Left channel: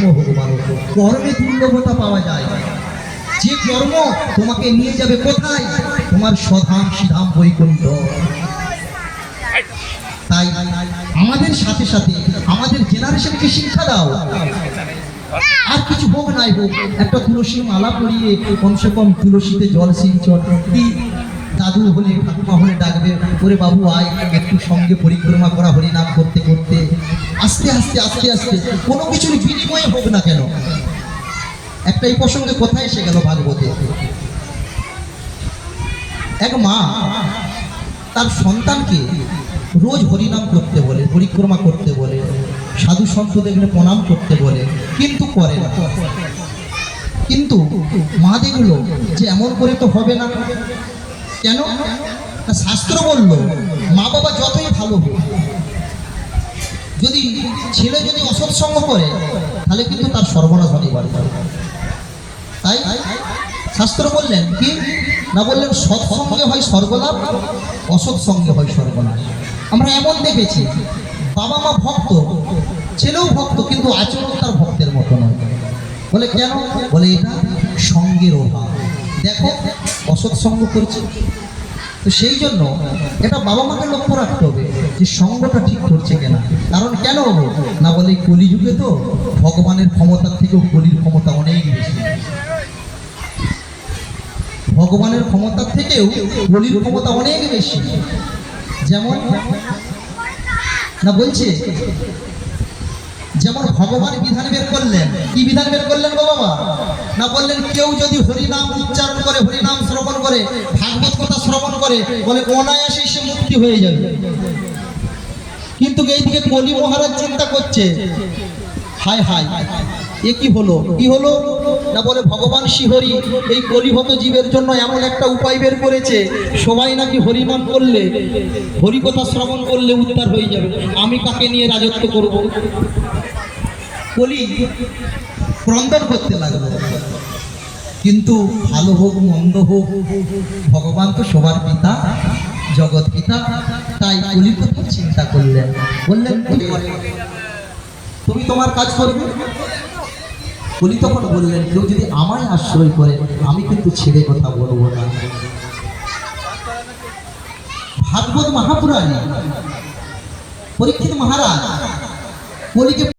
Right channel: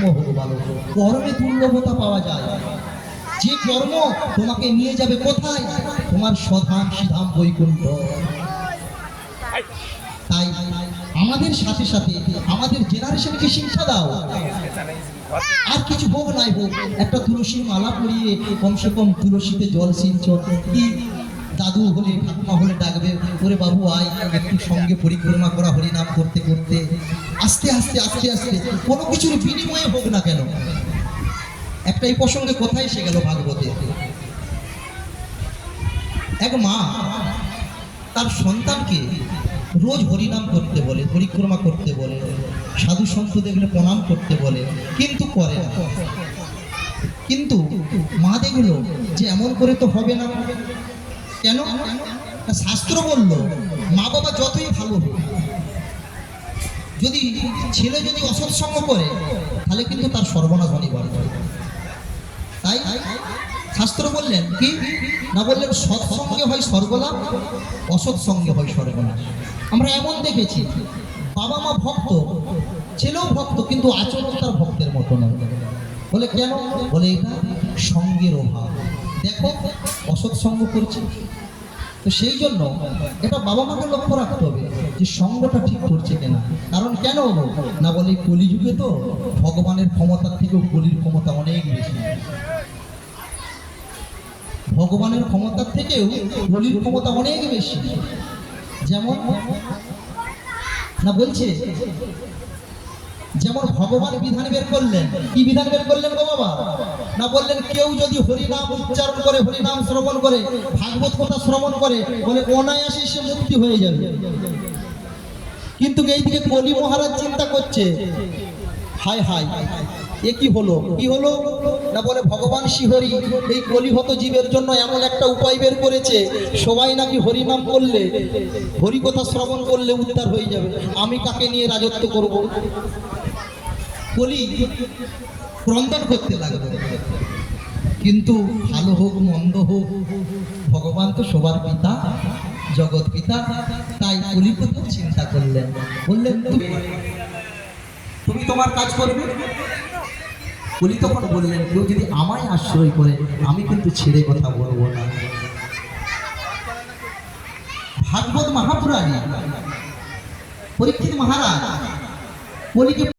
কর্ম হোক ভালো, কর্মে দুর্লভতা পাওয়া যায়। যে কর্ম তোমাকে নিয়ে যাবে কোথায়? তোমার স্বধাম সিধাম বৈকুণ্ঠ। তাই আমাদের সাথে সাথে আমাদের জেনারেশনকে শিক্ষা দাও। আর কিছু হোক নাই হোক, একটা তুলসীর মালা পরিয়ে কমসে কম তুলসীতে জল সিঞ্চন। কি দাদু হলে ঠাকুমা হলে ডাকবে, ওরে বাবু আয় একটু সঙ্গে পরিক্রমা করা হরিনাম করতে করতে। আস্তে আস্তে আস্তে আস্তে কোনো কিছুর বিনিময়ে হোক না কেন। একটা এই প্রসঙ্গে কোথায় এসে গেল ভাগবতে, এক মা তার সন্তানকে রোজ হরিনাম করতে বলে, পরিক্রমা করতে বলে, সাধু সন্ত দেখলে প্রণাম করতে বলে, কিন্তু করে না। কিন্তু মা দেখলো যে এমন করে তো হবে না। কেন? শাস্ত্র বলল মা বাবা যতই ভালো হোক, যদি ছেলে যদি অসৎসঙ্গ করে তাহলে কিন্তু তার সর্বনাশ হতে পারে। তাই শাস্ত্র বললেন কি না, বললেন সৎসঙ্গে হয় স্বর্গলাভ, অসৎসঙ্গে হয় সর্বনাশ। আমরা এমন দেখেছি বাবা মা ভক্ত, ছেলেও ভক্ত, কিন্তু আচরণ তার ভক্তের মতো নয়। বলে কেন? বলে এটা সঙ্গের অভাব। দেখো অসৎসঙ্গ করছে। তো সেই জন্য এটা বাবা মাকে লক্ষ্য রাখতে হবে যে সঙ্গটা ঠিক করছে কিনা। কারণ কেন না, বলে কলিযুগে তো ভগবানের ক্ষমতার থেকেও কলির ক্ষমতা অনেক বেশি। ভগবানের ক্ষমতার থেকেও কলির ক্ষমতা অনেক বেশি। যেমন না বলছে, যেমন ভগবান বিধান বের করলেন। কি বিধান বের করলেন গো বাবা? না বললেন কেউ যদি হরিনাম উচ্চারণ করে, হরিনাম শ্রবণ করে, ভাগবত কথা শ্রবণ করে, বলে অনায়াসে সে মুক্তি হয়ে যাবে। কিন্তু এইদিকে কলি মহারাজ চিন্তা করছে, হায় হায় এ কি হলো, কি হলো না, বলে ভগবান শ্রীহরি এই কলিহত জীবের জন্য এমন একটা উপায় বের করেছে, সবাই নাকি হরিনাম করলে, হরিকথা শ্রবণ করলে উদ্ধার হয়ে যাবে। আমি কাকে নিয়ে রাজত্ব করব? কলি ক্রন্দন করতে লাগলো। কিন্তু ভালো হোক মন্দ হোক, ভগবান তো সবার পিতা, জগৎ পিতা। তাই কলির কথা চিন্তা করলেন, বললেন তুমি তোমার কাজ করবে। কলি তখন বললেন কেউ যদি আমায় আশ্রয় করে আমি কিন্তু ছেড়ে কথা বলবো না। ভাগবত মহাপুরাণে পরীক্ষিত মহারাজ কলিকে